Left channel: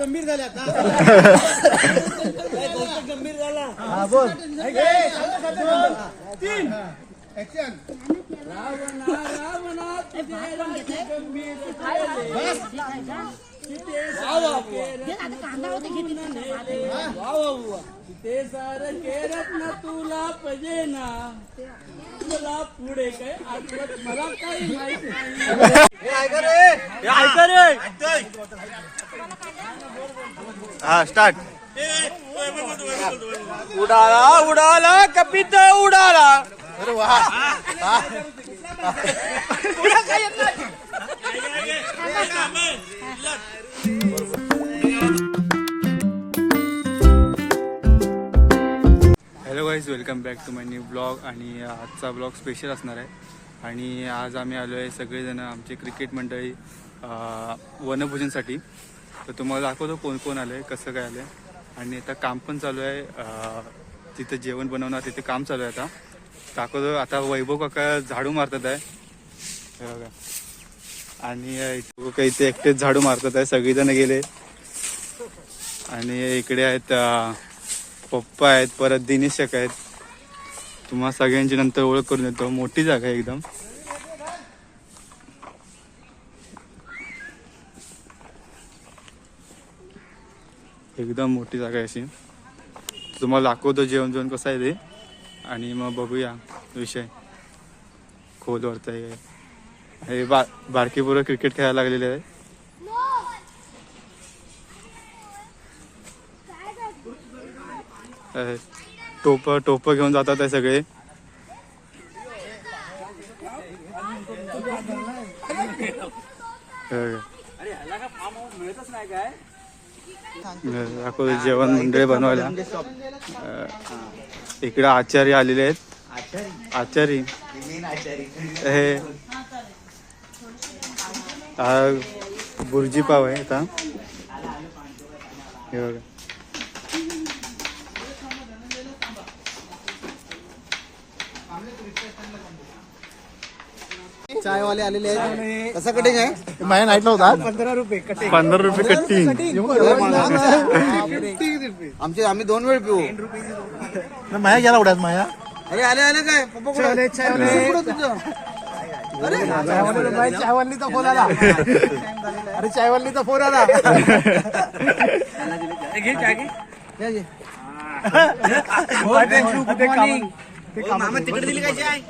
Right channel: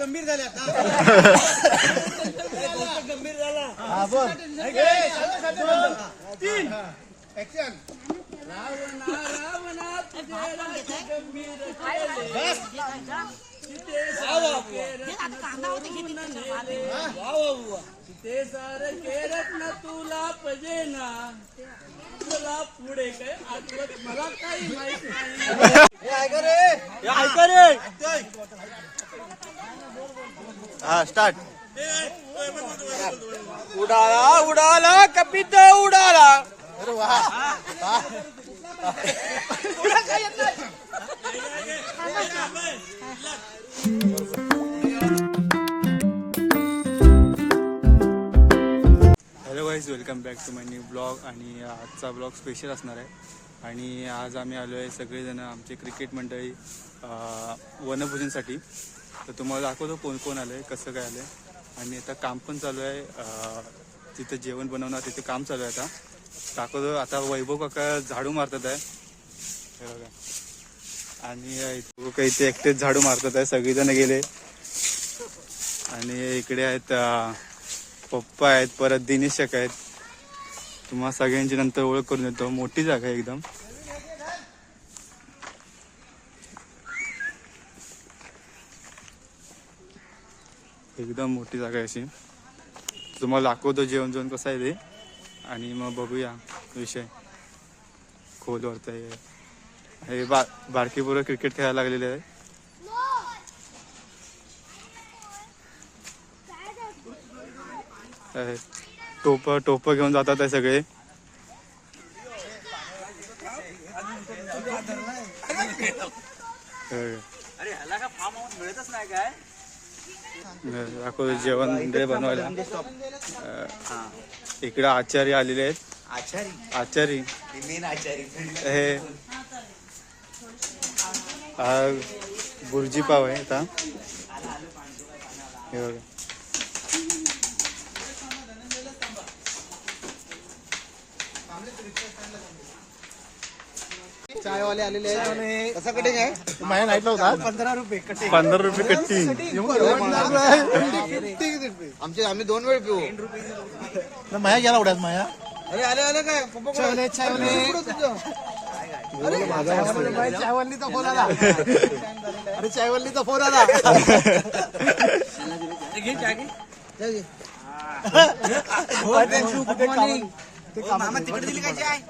गंभीर झाले आता. गंभीर झाला. हा बोल. 3 ऍक्शन. रावणा रावणा तुझे राज गंभीर केले. सीते सारखे रत्न तुला पजेना. तुला पुढे काय आठवत मला काही माहित नाही. हा स्टार्ट. उडाला उडाला कपित उडाला. अरे वा. Hello guys, welcome back to my new blog. आणि आजचा ब्लॉग स्पेशल असणार आहे. आणि आज आम्ही आलो आहे सगळेजण, आमचे क्रिकेट मंडळी वनभोजनसाठी. तर तुम्हाला दाखवतो कोण कोण आलं आहे, कसं काय आलं आहे. आणि आता काम पण चालू आहे, तिथं जेवण बनवणार, तिथे काम चालू आहे. आता दाखवतो. आता वैभव काका झाडू मारतात आहे बघा. आणि इथे एकटेच झाडू मारतात आहे, सगळेजण गेले. आणि इकडे आहेत पप्पा आहेत, परत दिनेश आहेत. तुम्हाला सगळ्यांची नंतर ओळख करून देतो. मोठी जागा आहे एकदम. एकदम मोठी जागा आहे अशी. तुम्हाला दाखवतो जेवण जेवण कसं आहे ते. आणि मग बघूया विषय. खोलवरत आहे हे बारकी पोरं क्रिकेट खेळायला लागलेले आहे. टोप घेऊन जातात आहे सगळे. दाखवतो जेवण मंडळी बनवायला. इकडे आचार्य आलेले आहेत. आचारी हे बुर्जी पाव आहे आता. हे बघा. चायवाले आलेले आहेत. कसं कटिंग आहे? माझ्या नाईट होता 15 रुपये कटे. 15 रुपये कट्टी. आम्ही 2 वेळ पिऊ. माया गेला उड्यात माया. अरे आले आले काय पप्पा चायवाली चायवालीचा फोन आला. अरे चायवालीचा फोन आला. घे जागी. मामा तिकडे दिली काय चाय.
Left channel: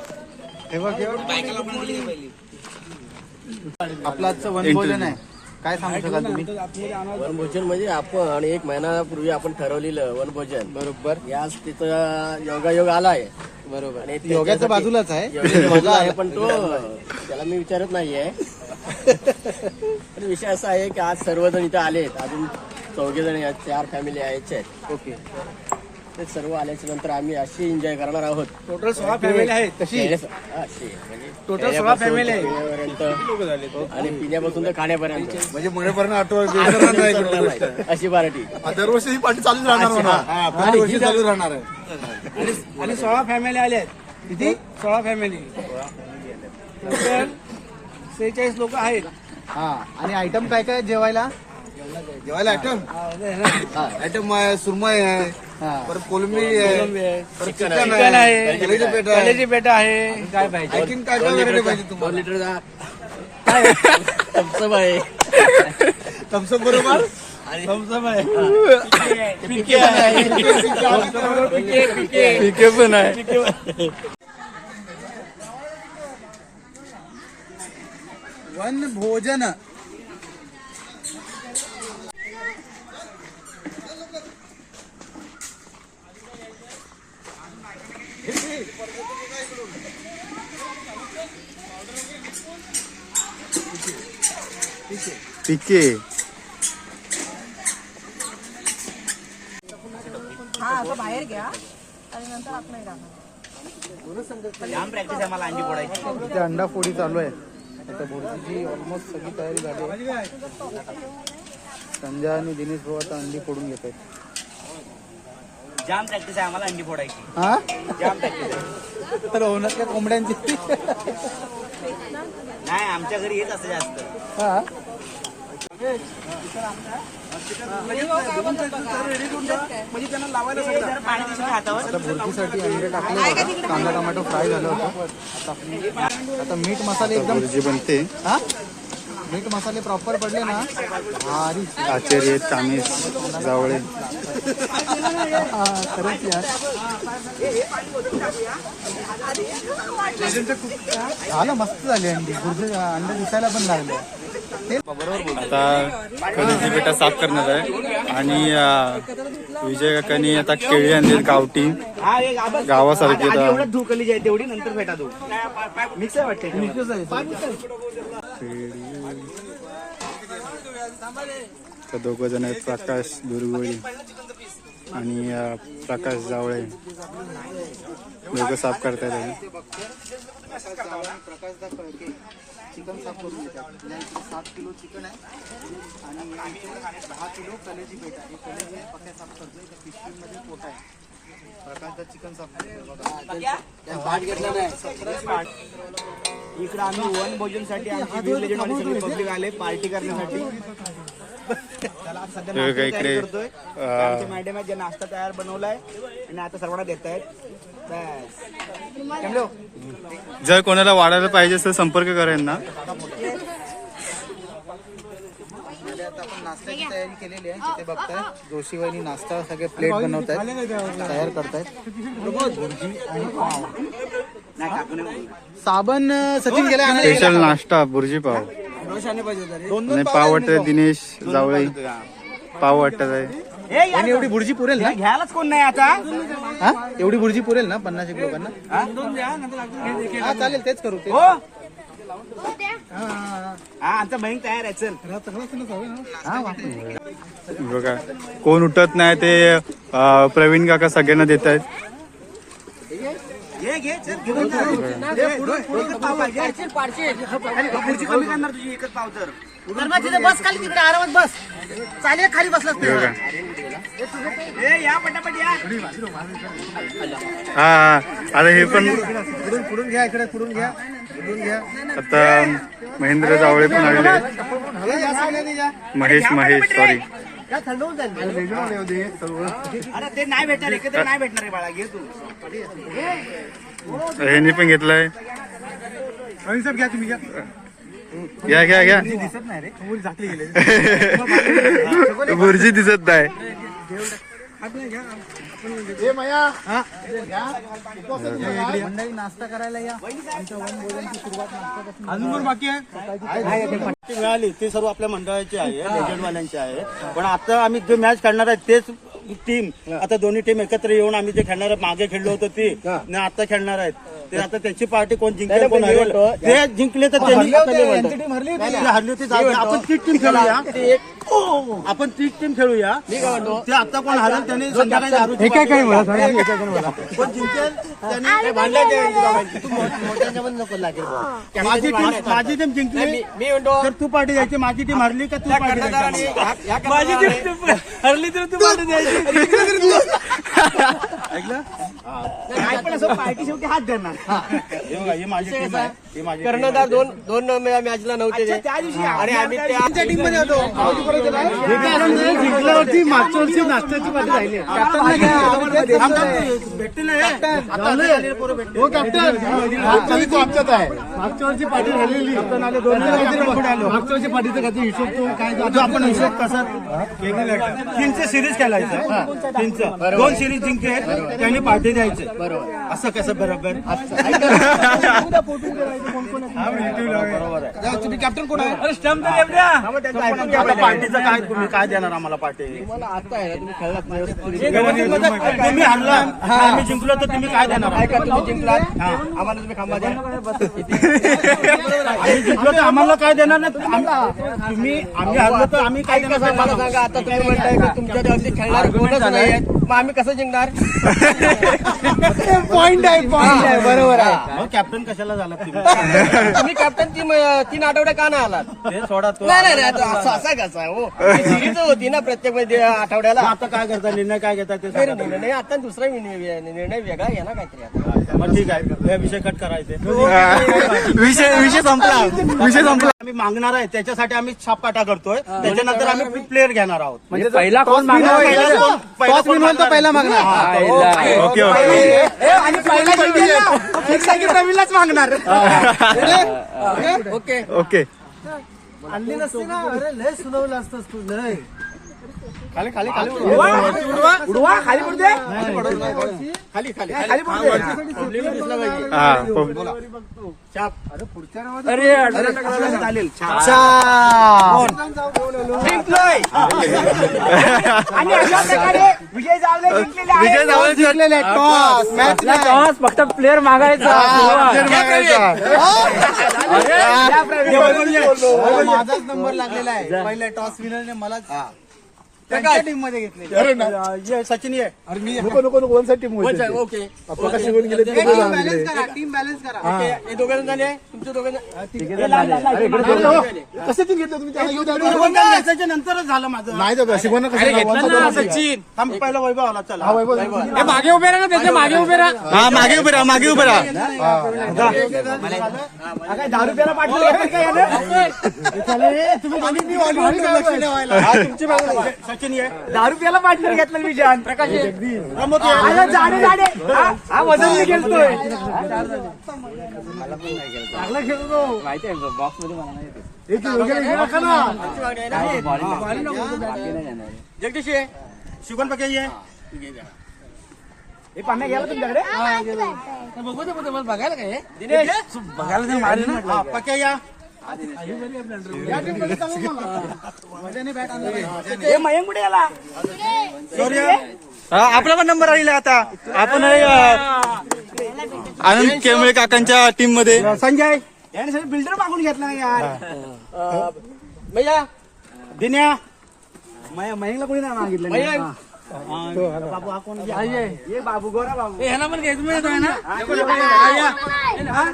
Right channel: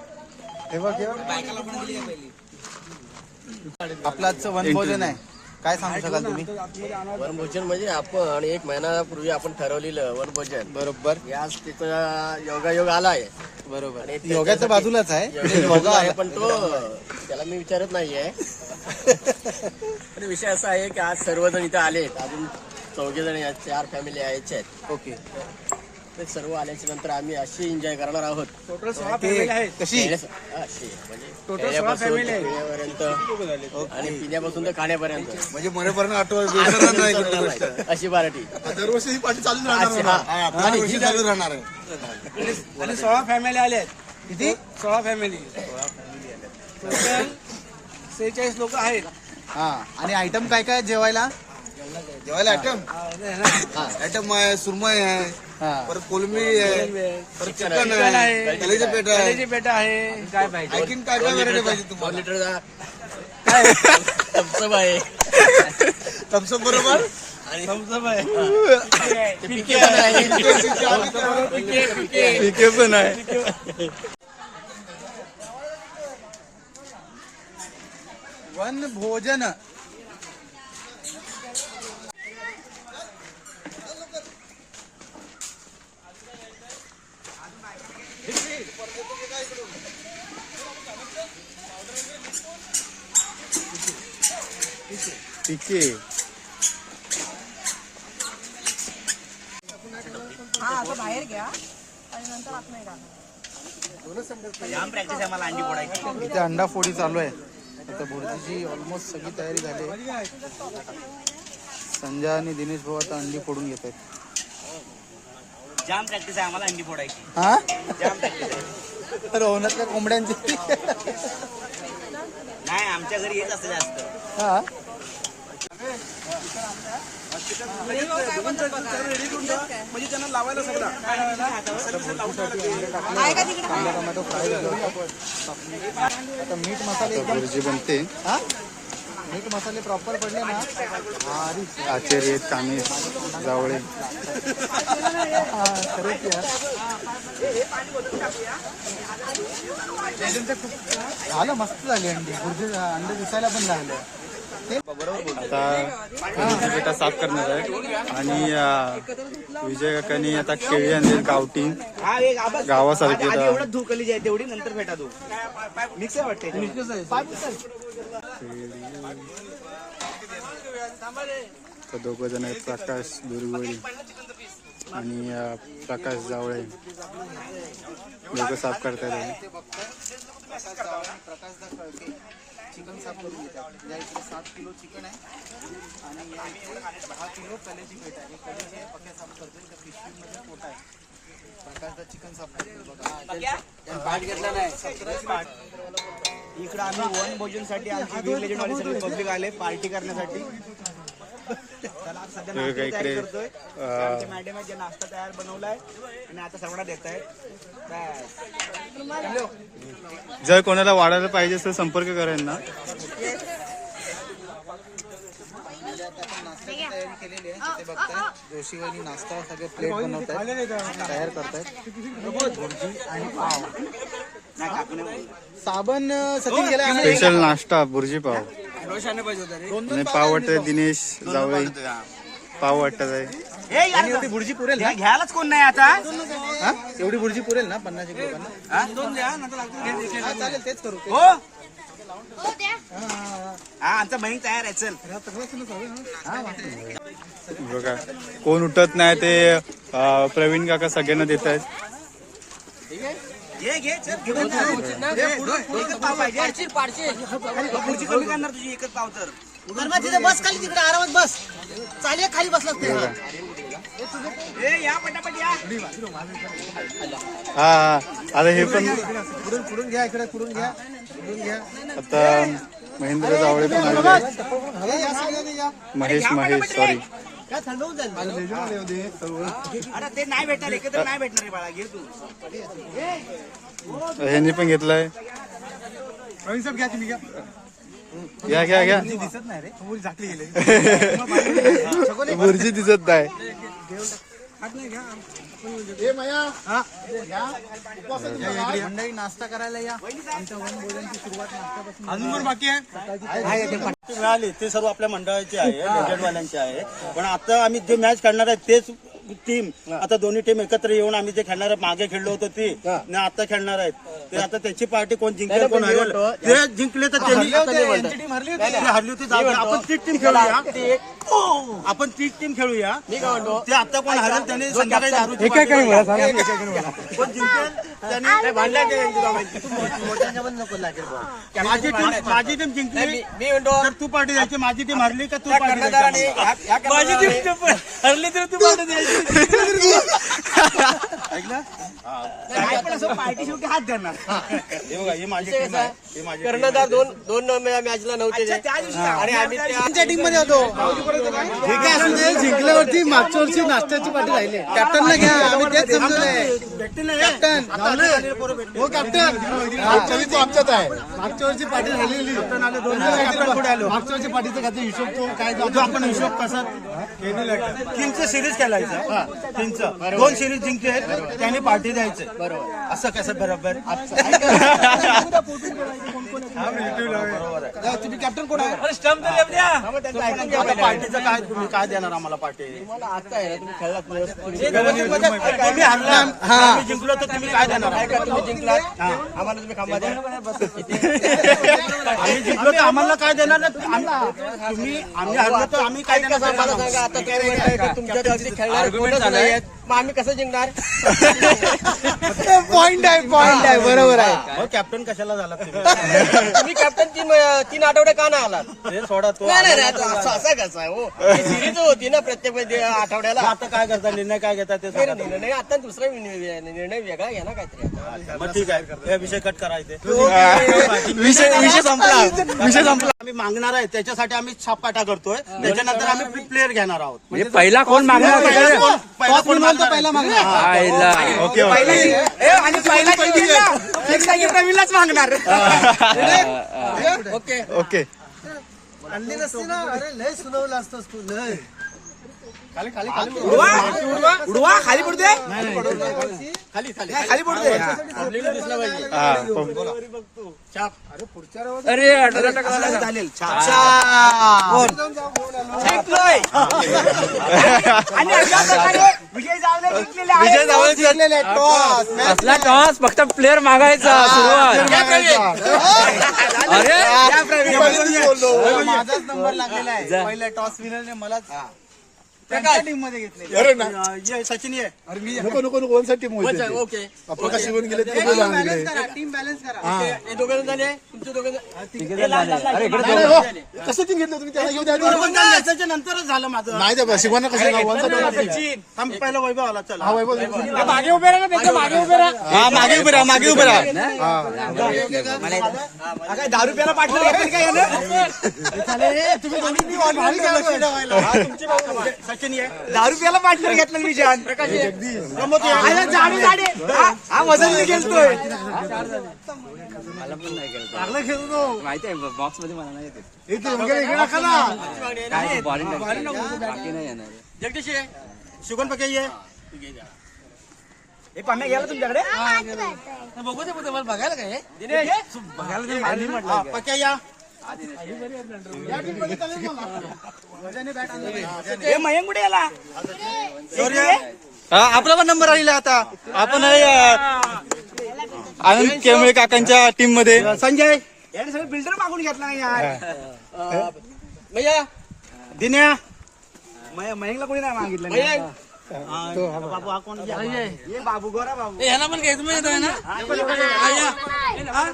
आपलं आजचं वनभोजन आहे. काय सांगू शकाल तुम्ही? वनभोजन म्हणजे आपण 1 महिन्यापूर्वी आपण ठरवलेलं वनभोजन. बरोबर. याच तिथं योगायोग आलाय. बरोबर. आणि योगाच्या बाजूलाच आहे. योगाच्या बाजूला आहे, पण तो त्याला मी विचारत नाहीये. पण विषय असा आहे की आज सर्वजण इथं आलेत. अजून 4 जण 4 फॅमिली यायच्या आहेत. ओके. ते सर्व आल्याच्या नंतर आम्ही अशी एन्जॉय करणार आहोत. टोटल 16 फॅमिली आहेत. कशी म्हणजे Total 16 खेळण्यापासून family आहे. पिण्यापर्यंत आणि पिण्यापासून तर खाण्यापर्यंत म्हणजे मरेपर्यंत आठवण अशी पार्टी. दरवर्षी ही पार्टी चालूच अशी, हा. आणि ही चालू राहणार आहे. आणि 16 फॅमिली आल्या आहेत. किती? 16 फॅमिली. टोटल 46 लोक आहेत. हा. आणि आयटम काय काय जेवायला? जेवायला आयटम सुरमई आहे, परत कोलंबी आहे, परत चिकन आहे, कलेजी पेट आहे. कलेजी पेट आहे. काय पाहिजे? आणखीन काय काय व्हरायटी पाहिजे 2 तुम्हाला? लिटरचा थम्सअप आहे. थम्सअप बरोबर थम्सअप आहे. पिके आहे. पिके पण आहे. वनभोजन. पिके बाहेर घ्या आणि नंतर आपण जाम प्रॅक्टिस आहे मला अंडी फोडायची. इथे अंडा फोडी चालू आहे. आता भुर्जीची ऑलमोस्ट सगळी तयारी झाली आहे. संजय आणि दिनेश भाऊ आता अंडी फोडून घेत आहेत. जाम प्रॅक्टिस आहे आम्हाला अंडी फोडायची. हा. जाम प्रॅक्टिस आहे. रवणात का कोंबड्यांची? नाही आमच्या घरी येत असतं जास्त. हा. रेडी करून ठेवा, म्हणजे त्यांना लावायला सगळं कांदा टोमॅटो फ्राय झालं होतं. आता मीठ मसाले आता भुर्जी बनते. मीठ मसाले प्रॉपर पडले ना भारी. आचार्य आहेत, कामेश जावळे. खरंच यार झालं, मस्त झाले अंडी. अंडे दिसायला पण लागले. आता कधीची बेटा साफ करणार आहे आणि विजय काकांनी आता केळी आणली गावठी गावासारखी. एवढं धुकली आहे तेवढी नंतर भेटा तू मिक्स आहे वाटते. तर दोघं जण आहेत, प्रकाश दुर्गोळी आणि प्रकाश जावळे. दोघं साफ करतायत. चिकन साफ करून घेतात. या इकडे 7 किलो चिकन आहे आणि 10 किलो कलेजी पेट आहे. कलेजी पक्या साफ करतो. त्या पिशवीमध्ये पोटा आहे. प्रकारचं चिकन साफ करतो. पाठ घेतला नाही. इकडे आम्ही वन भोजनसाठी आमची पब्लिक आले पार्टी करण्यासाठी. इकडे मॅडम आहे, जे नाश्ता तयार बनवलाय आणि आता सर्वांना देत आहेत. जर कोणाला वाढायला पाहिजे तर संपर्क करा ना. आपण नाश्त्याची तयारी केलेली आहे. ते बघताय जोशीवानी नाश्ता सगळे प्लेट बनवतायत, तयार करतायत. भुर्जी आणि पाव. साबण सचिन गेला. स्पेशल नाश्ता भुर्जी पाव आणि पाव वाटत दिनेश जावळे. पाव वाटत आहे. आणि एवढी भुर्जी पुरेल ना? घ्यायलाच कोण नाही आता. हा? एवढी भुर्जी पुरेल ना 50 एक लोकांना? हा चालेल, तेच करू. हो हा आमचा बहीण तयार आहे. चल बघा कोण उठत नाही ते प्रवीण काका सगळ्यांना देत आहेत. घे चल घेऊन जा. एकच पाव पाहिजे. खुर्ची कमी करणार तुझी एकच पाव तर. बस खाली तिकडे आरामात बस. चालेल खाली बसला. बघा या पटापट या. हा आता हे पण पुढून घ्या, इकडे पुढून घ्या. आता महेंद्र जावळे पण आलेले आहेत. महेश सॉरी. अरे ते नाही भेटणार, एकत्र नाही भेटणार आहे बाळा. घे तू. ह्यांनी पण घेतलाय. घ्या तुम्ही घ्या. घ्या दिसत नाही रे, भुर्जी दिसत नाही. नाश्ता करायला या. अजून पण बाकी आहे. मिळाली ते सर्व आपल्या मंडळाचे आहे, लेजंडवाल्यांचे आहे. पण आता आम्ही जे मॅच खेळणार आहे तेच टीम, आता दोन्ही टीम एकत्र येऊन आम्ही जे खेळणार मागे खेळलो होतो ती आता खेळणार आहेत. ते आता त्यांची पार्टी कोण जिंकले कोण हरवलं, ते जिंकले तर त्यांनी हरली होती. आपण तीच टीम खेळूया. आपण तीच टीम खेळूया. ते आता कोण हरवलं त्यांनी संध्याकाळी कोण जिंकेल त्याने माझी टीम जिंकली तर तू पार्टी द्यायची. माझी टीम हरली का तू पार्टी द्यायची. माझी टीम हरली तर तू पार्टी द्यायची. ऐकलं पार्टी शेवटी हात धरणार. हे माझी टीम आहे. हे माझी कर्णधार दोन मॅचला नव्हते ते. त्या दिवशी आणि आम्ही त्या टीम मध्ये होतो. जिंकल्यावरती मागच्या वर्षी नाश्त्याची पार्टी राहिली. कॅप्टनला घ्या. भेटते ना हो कॅप्टन तो आमच्यात आहे. मागच्या वर्षी पार्टी राहिलेली. मागच्या वर्षी पार्टीचा काय हिशोब तो काय आपण हिशोब कसा तीनचं सिरीज खेळायचं. तीनचं 2 सिरीज जिंकेल त्यांनी पार्टी द्यायचं. बरोबर. असं कसं बरोबर. तुम्ही कॅप्टन कोण आहे? पार्टीचं काय तुम्ही काय देणार आम्हाला पार्टी. तुम्हाला आता आहे ना, तुम्ही खेळलात तुम्ही हरला आम्ही जिंकलो तर तुम्ही काय देणार. ऐका, तुम्ही जिंकलात आम्हाला तुम्ही खांबा द्या. आम्ही जिंकलो तर आम्हाला काय देणार ना. तुम्ही आम्ही हरलो तर आम्ही काय ऐका, मला सांगा, आता तुम्ही म्हणताय की तुमच्या जास्ती खेळणारे कोणच नाही आहेत. मग आम्ही कसं जिंकणार? पॉइंट आहे बरोबर आहे. अहो, कॅप्टन कशाला झाला तुम्ही? तुम्ही कॅप्टन 3 आठवडे का नाही आलात? ते सोडा तो. नाही असं कसं हो सिरीज होती ना प्रत्येक आठवड्याला. आता काय करता, निर्णय काय घेता ते नाही, सांगा. निर्णय आता दुसरा निर्णय वेगळा घ्या ना काहीतरी आता. मग ठीक आहे, हे विषय कट करायचे. विषय संपला. आम्ही मागणार आहे त्याच्यासाठी आम्ही छापकाटा करतोय. त्याच्यानंतर आम्ही प्लेअर घेणार आहोत. म्हणजे पहिला कोण मागणार? पहिला कोण मागणार? पहिला मागणार. Okay okay. Okay okay. आणली नसती ना, अरे लय सुनावलं असतंस तू लय. खाली खाली पब्लिक दिसला पाहिजे. हा. चालेल. जिंकलोय. विजय जावळे आपला टॉस फक्त प्लेअर मागायचा. माझाच नंबर लागलेला आहे. पहिल्या टॉस विनरने मला त्यांच्या टीम मध्ये घेतले. सचिन ये. ओके टीम बॅलन्स करा. ओके हे दोघं जण झाले तुमचे दोघं कसं टीम घेतलं तुम्ही? त्याच्या नंतरच झालं माझं. सचिन थांब, पहिला वैभव आला. चला मागे उभे राहा ना, त्यांच्या मागे उभे राहा. हा मागे उभे राहा, मागे उभे राहा. दारू प्यायला पाठवलं सचिन ये. दारू प्यायला पाठवलं घेतलं विजयान. प्रकाश प्रमोद ये. जाडे हा वजन खेळतोय. माहिती आहे बॉक्स मध्ये मला नाही येते. जगदीश ये. शुगन पके ये. हे पाम्या गेला तुमच्याकडे. बघायला काय दिनेश हा, पके या. मयंक कुठे गेला? शौर्य. आपला पण नंबर आलेला आता. आपण आनंद केमळे काकांच्या टीम मध्ये. संजय. याने सगळं बिल्डर मागून घेतला यार. भैया दिन्या. मयंकला कोणी नाही मागितलं. भैया बाबू हा कोण? ये बाबू, गोरा बाबू. ह्याला पण घ्यायचं माहिती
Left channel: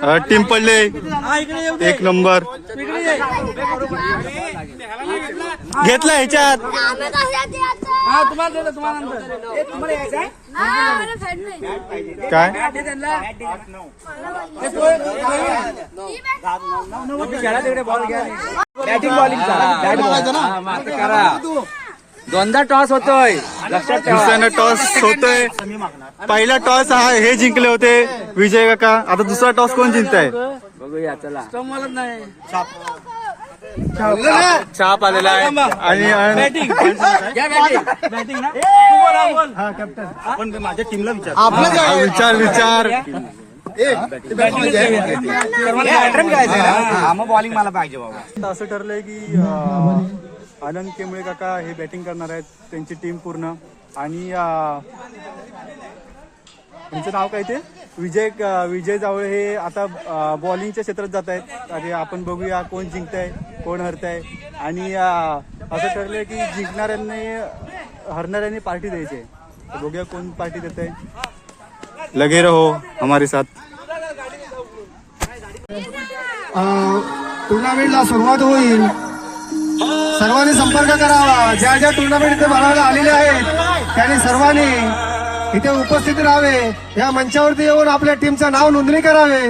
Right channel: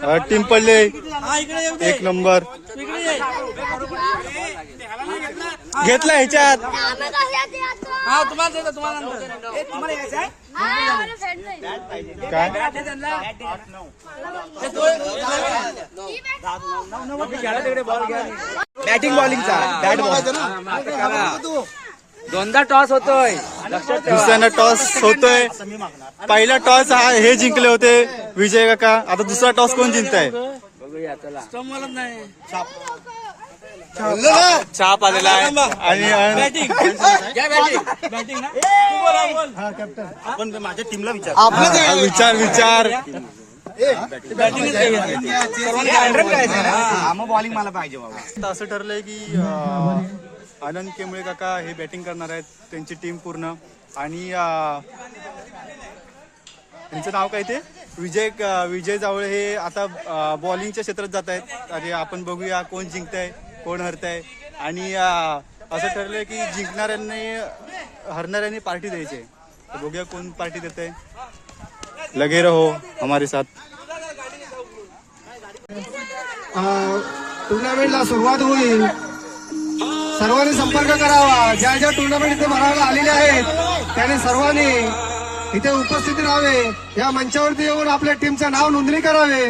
ना. टीम पडले 1 नंबर. घेतला ह्याच्यात. काय बॅटिंग बॉलिंगचा दोनदा टॉस होतोय. दुसऱ्यांदा टॉस होतोय. पहिला टॉस हा हे जिंकले होते विजय काका. आता दुसरा टॉस कोण जिंकताय? बघूया चला. छाप आलेला आहे. आणि पण माझ्या टीमला विचार. हा, विचार मग बॉलिंग मला पाहिजे बाबा. आता असं ठरलंय की आनंद केमळे काका हे बॅटिंग करणार आहेत. त्यांची टीम पूर्ण. आणि त्यांचं नाव काय ते विजय जावळे हे आता बॉलिंगच्या क्षेत्रात जात आहेत. आणि आपण बघूया कोण जिंकताय कोण हरताय. आणि असं ठरलंय की हरणाऱ्यांनी पार्टी द्यायची आहे. तर बघूया कोण पार्टी देत आहे. लगे रहो हमारे साथ. टुर्नामेंटला सुरुवात होईल. सर्वांनी संपर्क करावा. ज्या ज्या टुर्नामेंट इथे भरायला आलेले आहेत त्यांनी सर्वांनी इथे उपस्थित राहावे. या मंचावरती येऊन आपल्या टीमचं नाव नोंदणी करावे.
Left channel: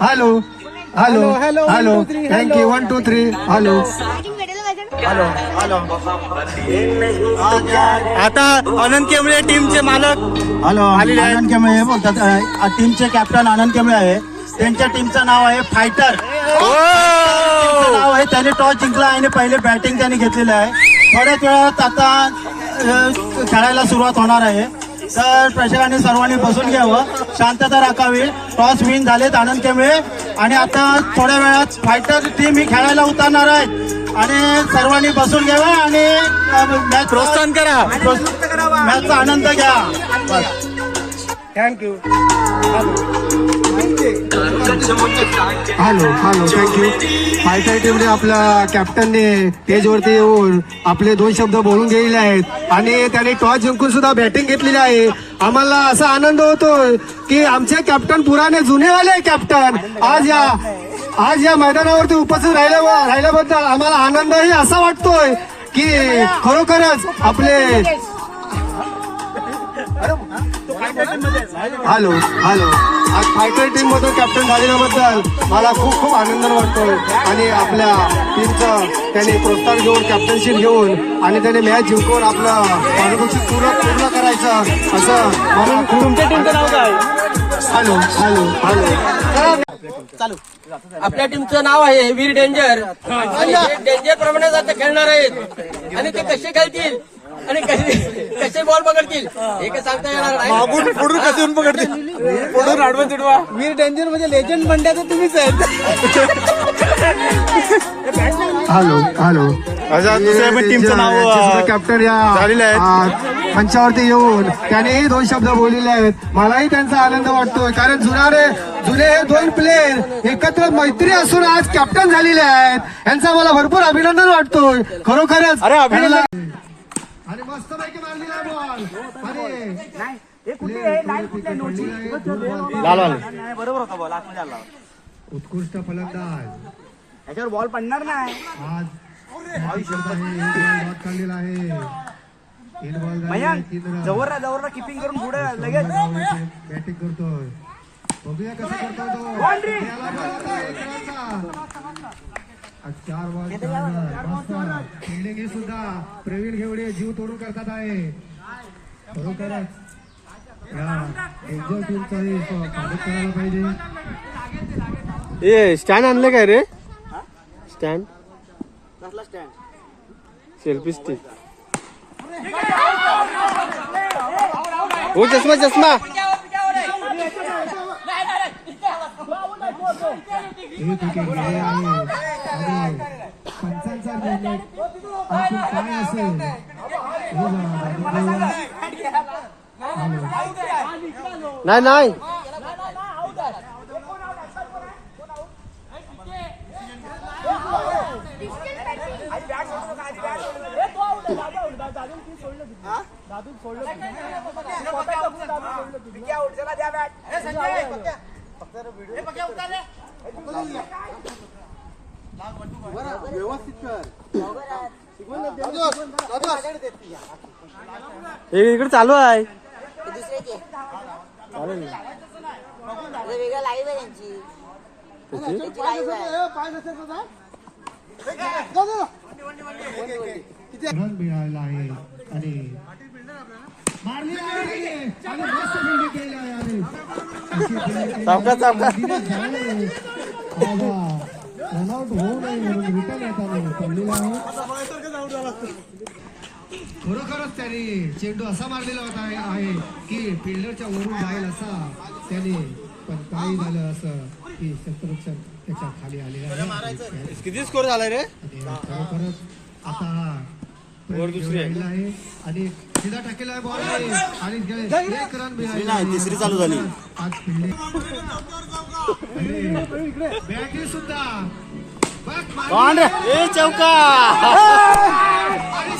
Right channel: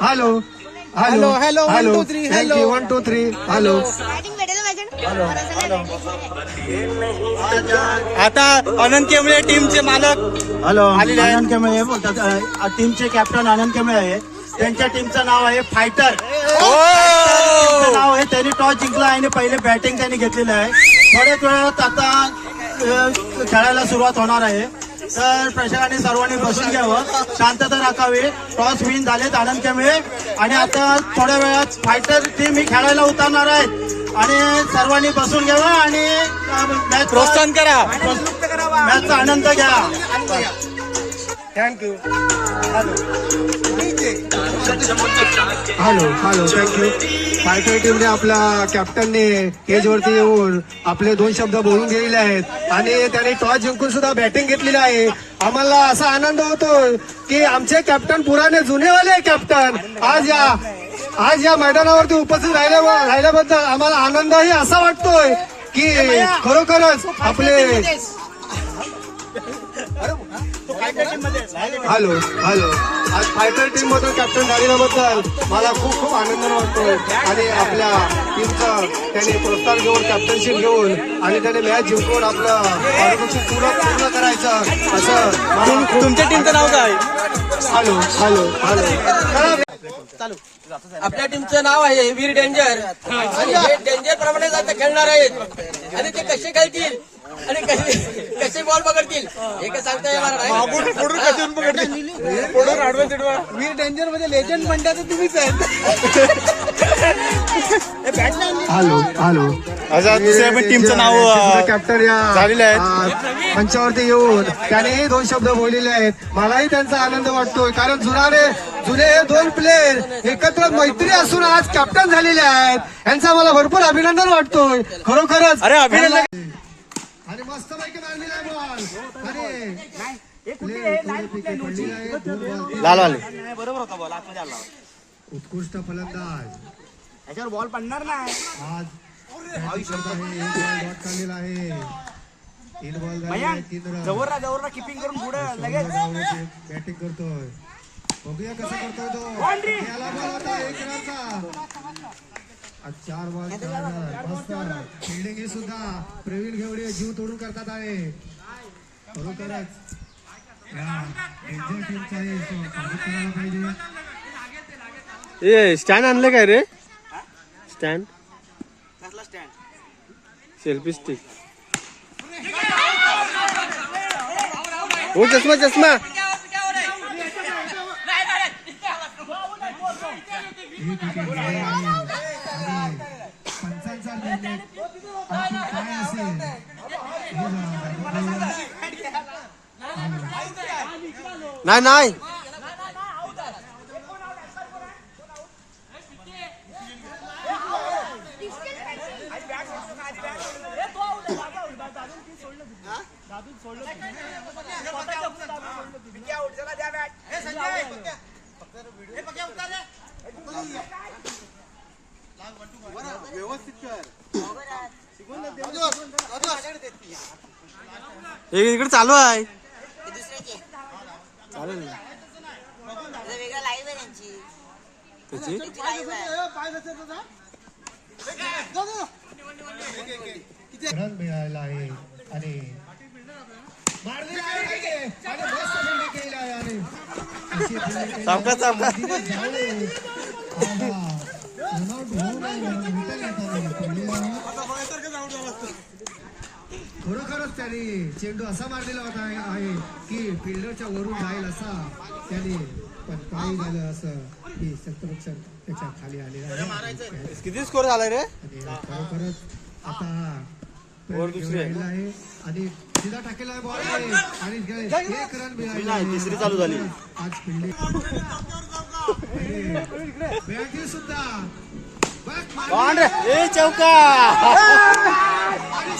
Hello hello hello thank you 1 2 3 hello. आता आनंद केमळे टीमचे मालक हॅलो, आलेले आहेत. आनंद केमळे बोलतात. टीमचे कॅप्टन आनंद केमळे आहे. त्यांच्या टीमचं नाव आहे फायटर. नाव आहे. त्यांनी टॉस जिंकला आणि पहिले बॅटिंग त्यांनी घेतलेलं आहे. थोड्याच वेळात आता खेळायला सुरुवात होणार आहे. तर प्रेक्षकांनी सर्वांनी बसून घ्यावं, शांतता राखावी. टॉस विन झालेत आनंद केमळे आणि आता थोड्या वेळात फायटर टीम ही खेळायला उतरणार आहेत. आणि सर्वांनी बसून घ्यावं आणि मॅच प्रोत्साहन करा. मॅचचा आनंद घ्या. थँक्यू. Hello thank you. फायटर टीमने आपल्या कॅप्टनने स्टेजवरती येऊन आपले 2 शब्द बोलून दिलेले आहेत आणि त्यांनी टॉस जिंकून सुद्धा बॅटिंग घेतलेली आहे. आम्हाला असा आनंद होतोय की आमचे कॅप्टन पुराणे जुनेवाले कॅप्टन आज या मैदानावरती उपस्थित राहिल्याबद्दल आम्हाला आनंदही असा वाटतोय की खरोखरच आपले हॅलो आज फायटर टीम मधून कॅप्टन झाल्याबद्दल मला खूप खूप आनंद वाटतोय आणि आपल्या टीमचं त्याने प्रोत्साहन घेऊन कॅप्टनशिप घेऊन आणि त्याने मॅच जिंकून आपलं पारितोषिक पूर्ण करायचं असं मला तुमच्या टीमचं नाव काय? हॅलो आपल्या टीमचं नाव आहे वीर डेंजर आणि हे डेंजर प्रमाणे आता खेळणार आहेत आणि ते कसे खेळतील आणि कसे बॉल पकडतील हे काय सांगता येणार नाही. वीर डेंजर मध्ये लेजंड म्हणतात तुम्हीच आहेत. हॅलो दुसऱ्या पण टीमचं नाव कॅप्टन या झालेले आहेत. मंचावरती येऊन त्यानेही 2 शब्द बोललेले आहेत. मलाही त्यांचा आनंद वाटतोय कारण जुने हे 2 प्लेयर एकत्र मैत्री असून आज कॅप्टन झालेले आहेत यांचा मला भरपूर अभिनंदन वाटतोय खरोखरच. आणि मस्त पैकी मारलेला बॉल बरोबर होता बॉल आतमध्ये आला. उत्कृष्ट फलंदाज याच्यावर बॉल पडणार नाही. आज काढलेला आहे 3 बॉल झाले 3 रन. जवळ किपिंग करून पुढे लगेच बॅटिंग करतोय. बघूया कसं करतोय तो. 1 रनचा 4 बॉल. फिल्डिंग ही सुद्धा प्रवीण घेवडे जीव तोडून करतात आहे. खरोखरच या डेंजर टीमचाही स्वागत करायला पाहिजे. स्टँड आणलं काय रे? Stand selfie stick. हो चष्मा एक विकेट गेले आहे आणि पंचांचा निर्णय काय असेल नाही इकडे चालू आहे. रन मिळाला आहे आणि मारली आहे आणि मस्त फिल्डिंग केली आहे आणि सावकाश खरोखरच त्याने चेंडू असा मारलेला होता आहे की फिल्डरच्या वरून जाईल असा त्याने पण काही झालं असं की शत्रुक्षण त्याच्या खाली आलेला आहे. किती स्कोर झालाय रे? आणि खरोखरच आता हा राहिला आहे आणि सीधा टाकलेला बॉल आहे आणि 1 रन मिळाला. तिसरी चालू झाली. आज फिल्डिंग बॅटिंग सुद्धा चौका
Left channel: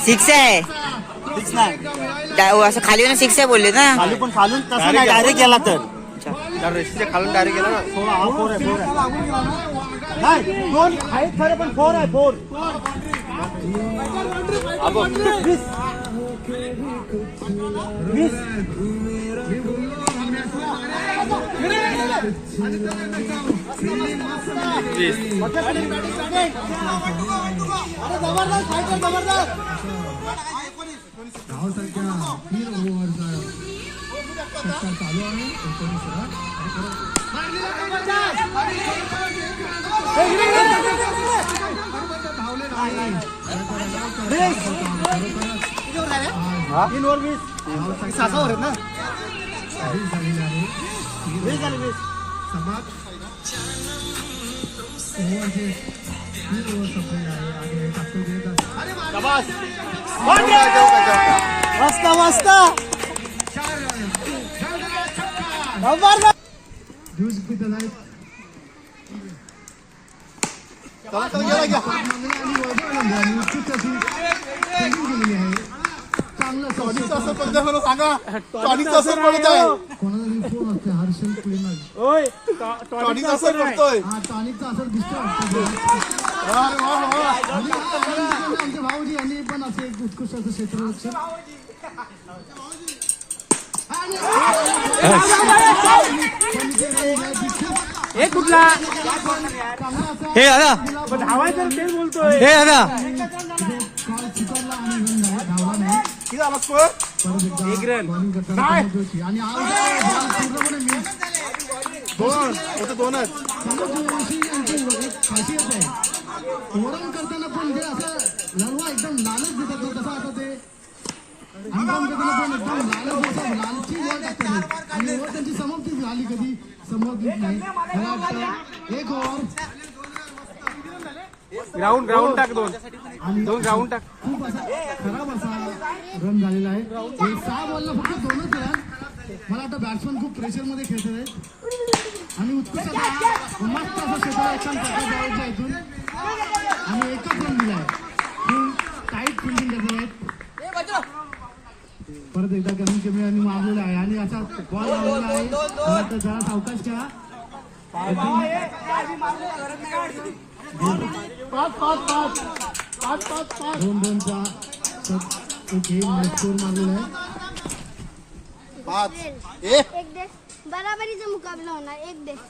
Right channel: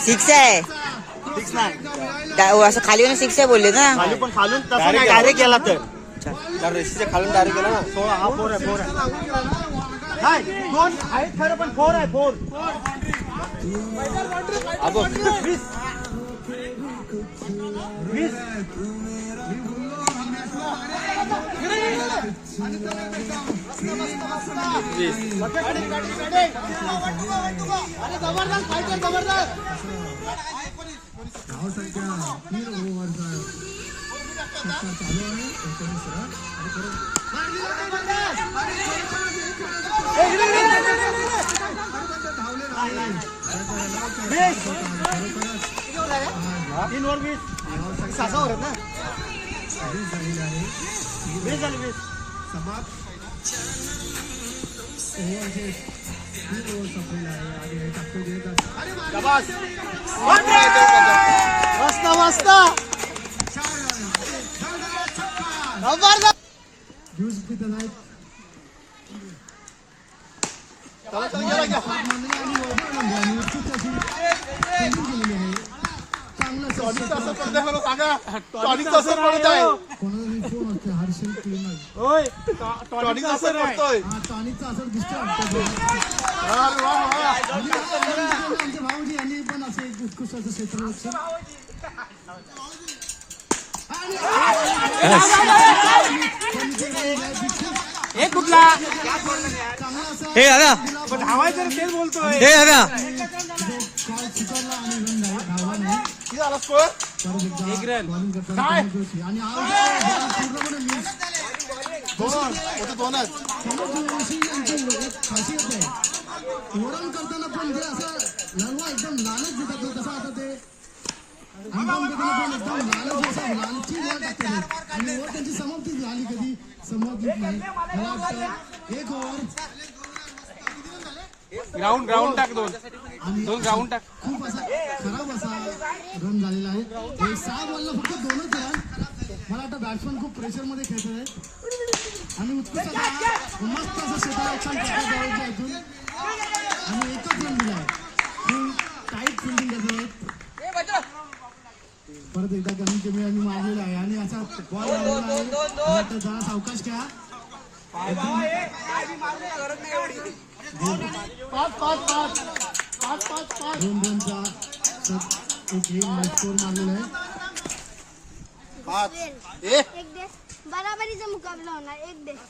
सिक्स आहे असं खाली येऊन सिक्स आहे बोलले ना. खाली पण खालून तसं नाही डायरेक्ट गेला तर रेस्टच्या खालून डायरेक्ट गेला ना. 16 हा 4 आहे. नाही 2 आहेत खरं पण 4 आहे 4. धावसंख्या 3 ओव्हरचा षटकार चालू आहे. 19 रन टॉनिकचा असर दिसतोय आमचे भाऊजी यांनी पण असे एक उत्कृष्ट असं क्षेत्ररक्षण हे दादा हे दादा दोनच खासियत आहे ओरम करताना पण जे असं लढवा एकदम लालच देतात ना, तसं आता ते हंगाम करताना पण एकदम लालच असं लालची वर टाकते आणि वर त्यांची समाप्ती झाली कधी संबोधित नाही. मला वाटतं एक ओव्हर ग्राउंड टाक दोन ग्राउंड टाक. खूप असा खराब असा रन झालेला आहे. हे 6 बॉलला फक्त 2च आहे. मला वाटतं बॅट्समन खूप प्रेशरमध्ये खेळतोय आणि उत्कृष्ट मस्त असं क्षेत्ररक्षण टाकायचं इथून आणि एकच रन दिलाय. फुल टाईट फिल्डिंग करत आहेत. परत एकदा कमी कमी आणि मारलेला आहे आणि असा बॉल लावलेला आहे. मला वाटतं जरा सावकाश घ्या. 2 रनचा स्कोर मारलेला आहे. एक देश बराबरीचा मुकाबला होणार. एक देश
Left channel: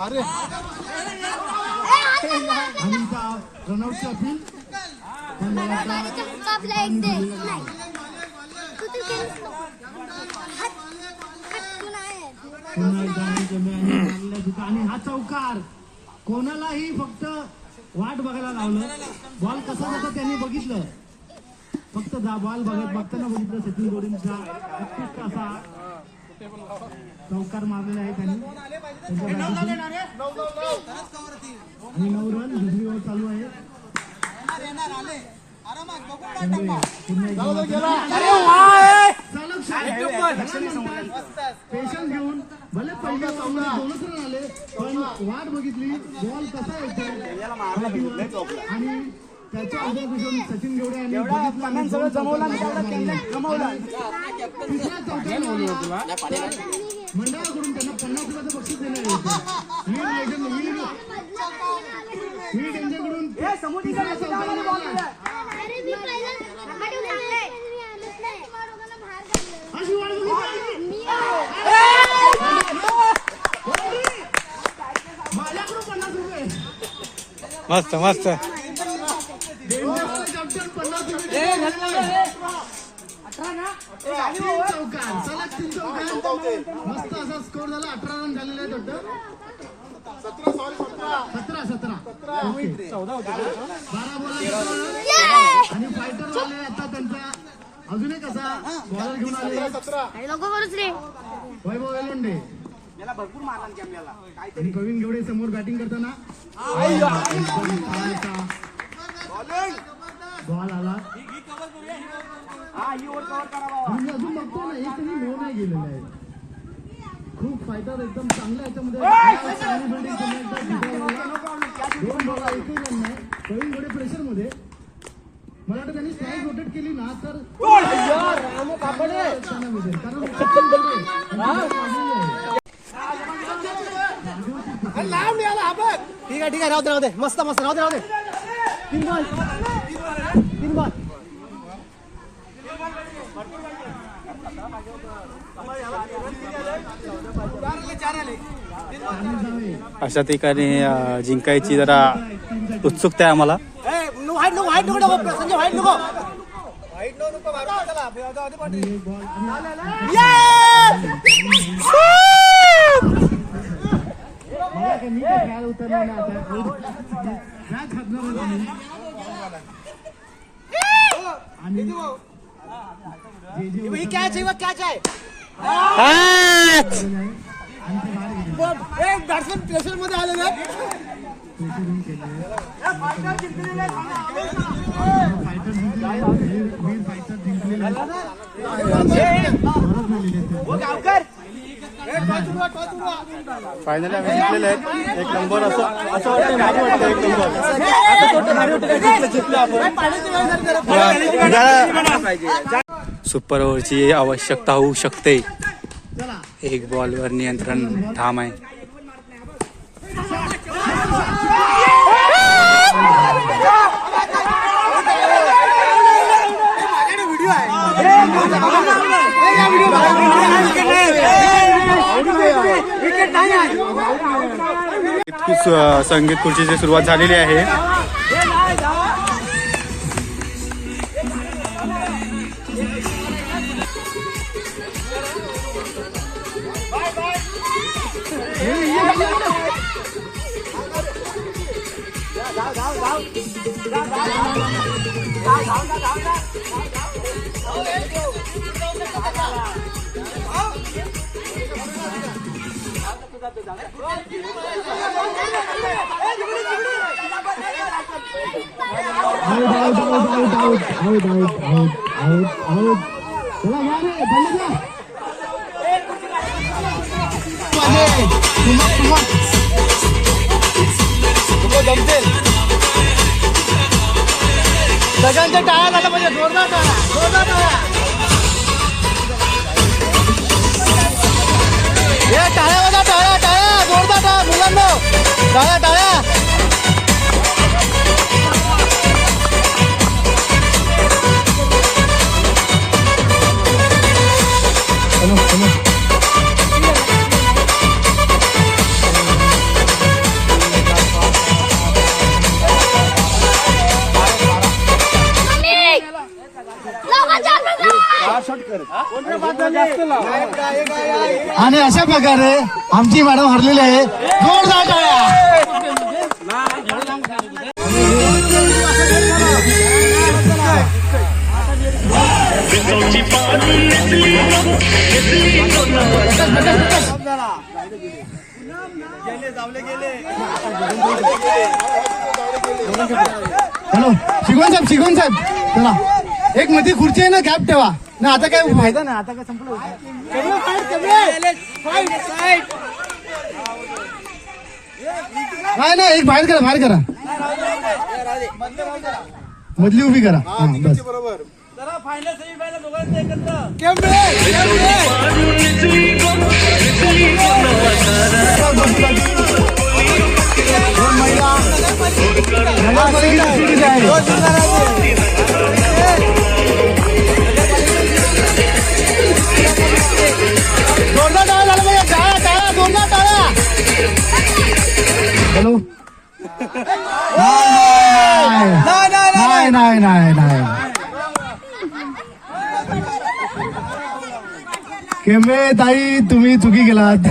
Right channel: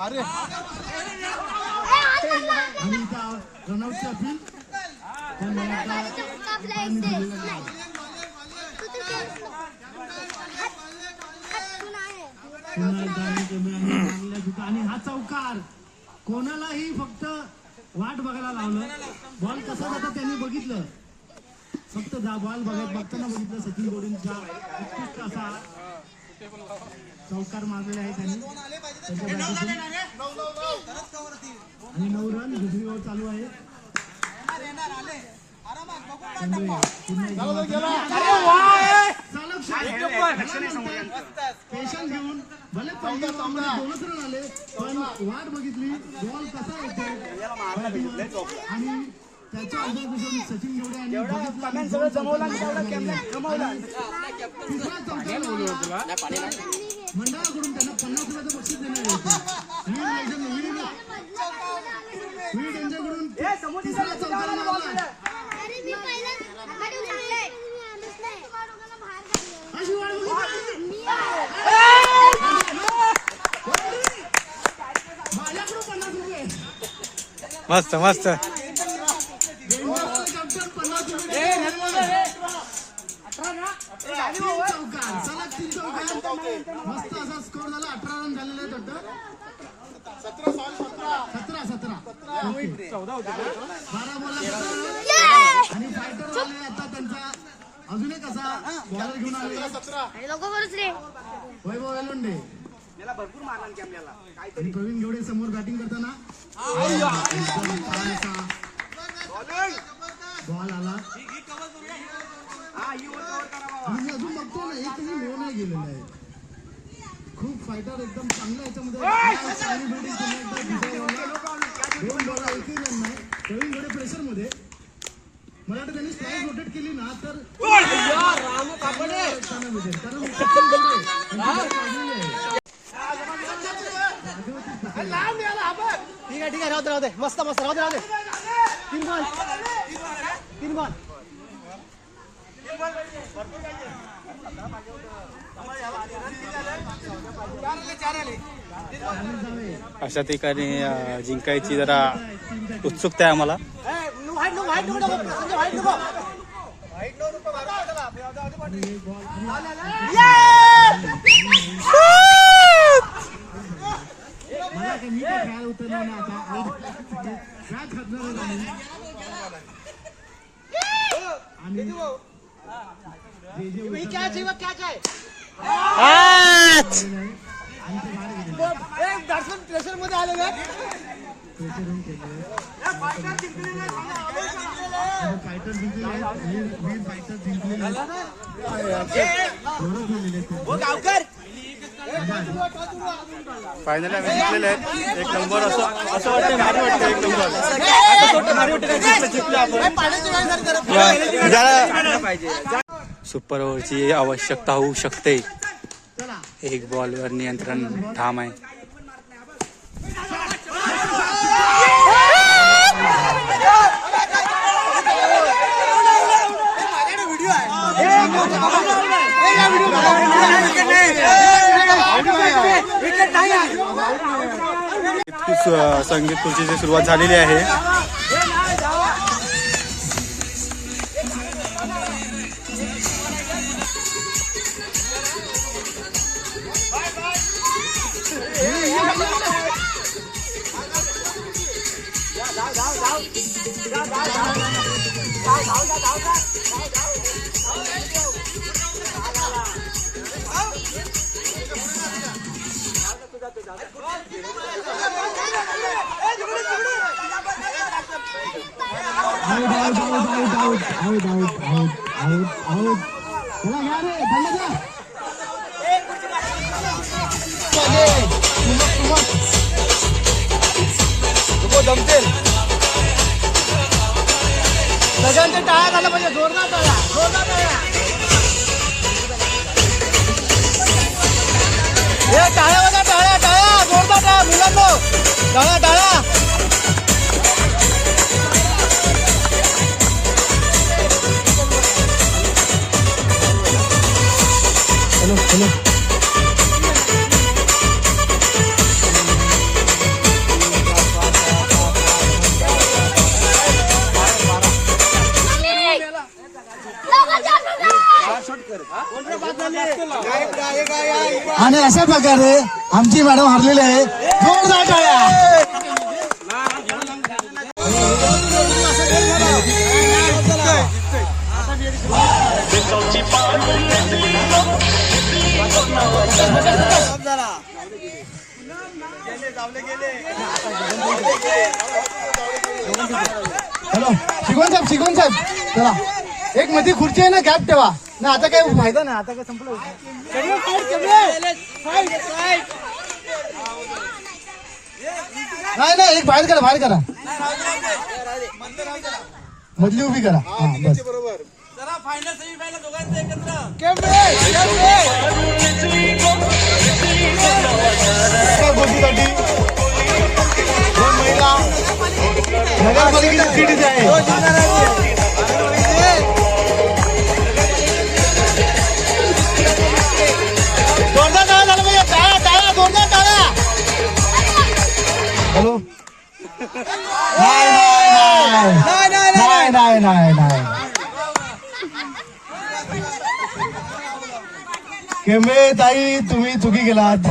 आणि इथं रनआउटची अपील मुकाबला एक देश पुन्हा एकदा आणि हा चौकार कोणालाही फक्त वाट बघायला लावलं. बॉल कसा होता त्यांनी बघितलं. फक्त बॉल बघताना बघितलं. सचिन गोरेंचा उत्कृष्ट असा चौकार मारलेला आहे त्यांनी त्यांच्या बॅटीतून. आणि 9 रन दुसरी ओव्हर चालू आहे. पेशन्स घेऊन भले पहिल्या सामन्यात 2च रन आले पण वाट बघितली बॉल कसा येतो आणि त्याच्या ऑब्झर्वेशन सचिन घेवडे यांनी बघितलं. मंडळाकडून त्यांना 50 रुपयाचं बक्षीस देण्यात येतं. वीड यांच्याकडून तिसरा चौकार मारला. अशी वाट बघितली. माझ्याकडून 50 रुपये. मस्त मस्त. मस्त असा स्कोर झाला. 18 रन झालेले आहेत वाटतं. 17 आणि फायटर झाले आता त्यांचा अजून एक असा बॉलर घेऊन आले वैभव वेलोंडे आणि प्रवीण घेवडे समोर बॅटिंग करताना बॉल आला आणि अजून बघतो ना एकही लो नाही गेलेला आहे. खूप फायटर एकदम चांगला याच्यामध्ये 2 बॉल एकही रन नाही. प्रवीण घेवडे प्रेशर मध्ये. मला वाटतं त्यांनी स्ट्राईक रोटेट केली ना तर ठीक आहे राहू दे मस्त राहू दे 3 बॉल अशा ठिकाणी जिंकायची जरा उत्सुकता आहे आम्हाला. मी खेळायला उतरलो ना आता आणि प्रेशर मध्ये आलेलं फायनली आम्ही जिंकलेले आहेत. 1 नंबर असं वाटतंय, भारी वाटतंय 1 नंबर. असं वाटतं भारी वाटतं जिंकलं आपण. सुपर ओव्हरची आवश्यकता होऊ शकते. 1 बॉलवर नियंत्रण ठाम आहे. संगीत खुर्चीची सुरुवात झालेली आहे. सगळ्यांच्या टाळ्या झाला म्हणजे जोरदार टाळ्या, जोरदार टाळ्या. टाळ्या बघा, टाळ्या टाळ्या, जोरदार टाळ्या मुलांनो, टाळ्या टाळ्या. आणि अशा प्रकारे आमची मॅडम हरलेली आहे. जोरदार टाळ्या. हॅलो शिकवण साहेब चला, एक मध्ये खुर्ची आहे ना, गॅप ठेवा ना. आता काय माहिती ना, आता काय संपलं. नाही एक बाहेर करा. मधली उभी करा. हा बस. जोरदार टाळा झाला पाहिजे. टाळा जोरदार टाळा. हॅलो नाही केमे ताई, तुम्ही चुकी केलात.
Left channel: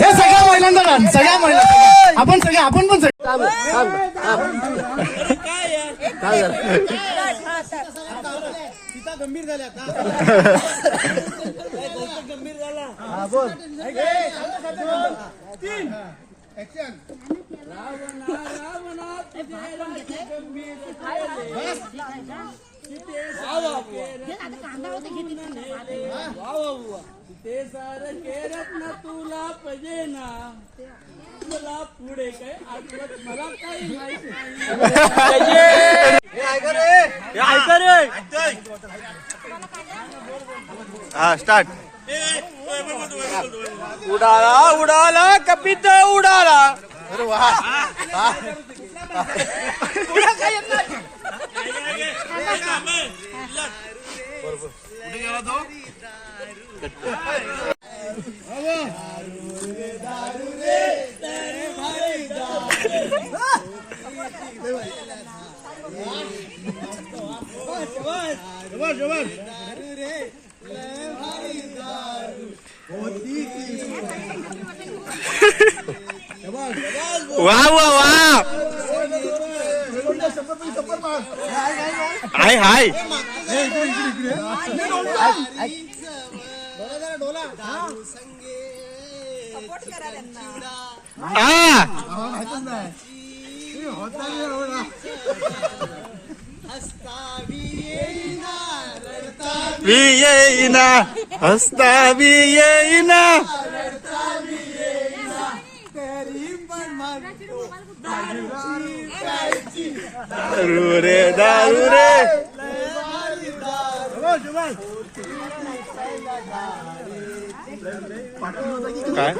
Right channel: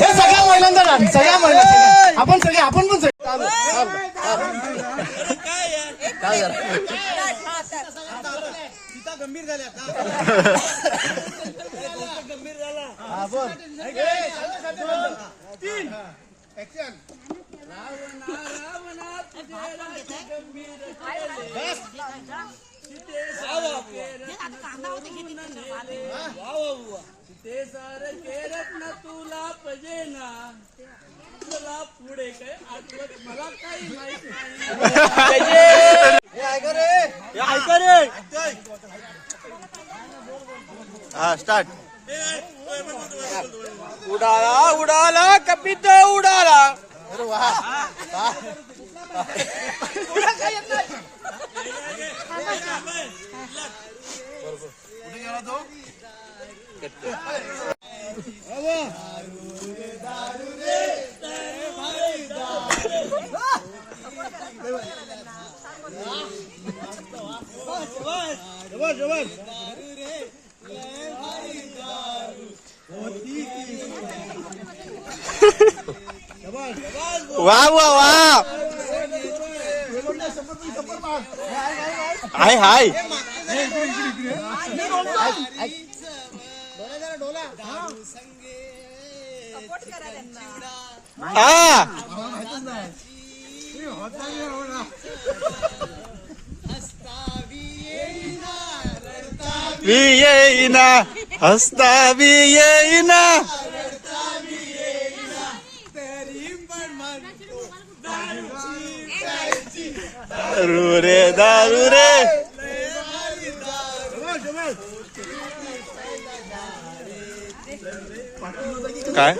हे सगळ्या महिलांचा डान्स, सगळ्या महिला आपण पण गंभीर झाल्या. गंभीर झाला. बोल. तुला पाहिजे ना, तुला पुढे काय आठवत मला काही माहिती नाही. हा स्टार्ट. उडाला कपित उडाला. अरे वा. वा वा वा. हाय येईना हसता बी येईना दारू रे दारू रे काय